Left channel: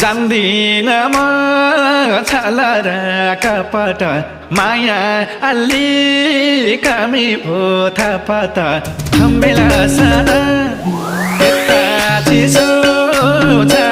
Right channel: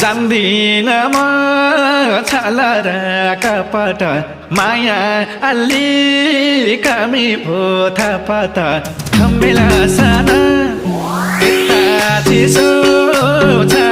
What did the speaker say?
जान्दिन म छाला र कपट माया अलि कमी भो थापत थम्बेला साना यता चिसो छ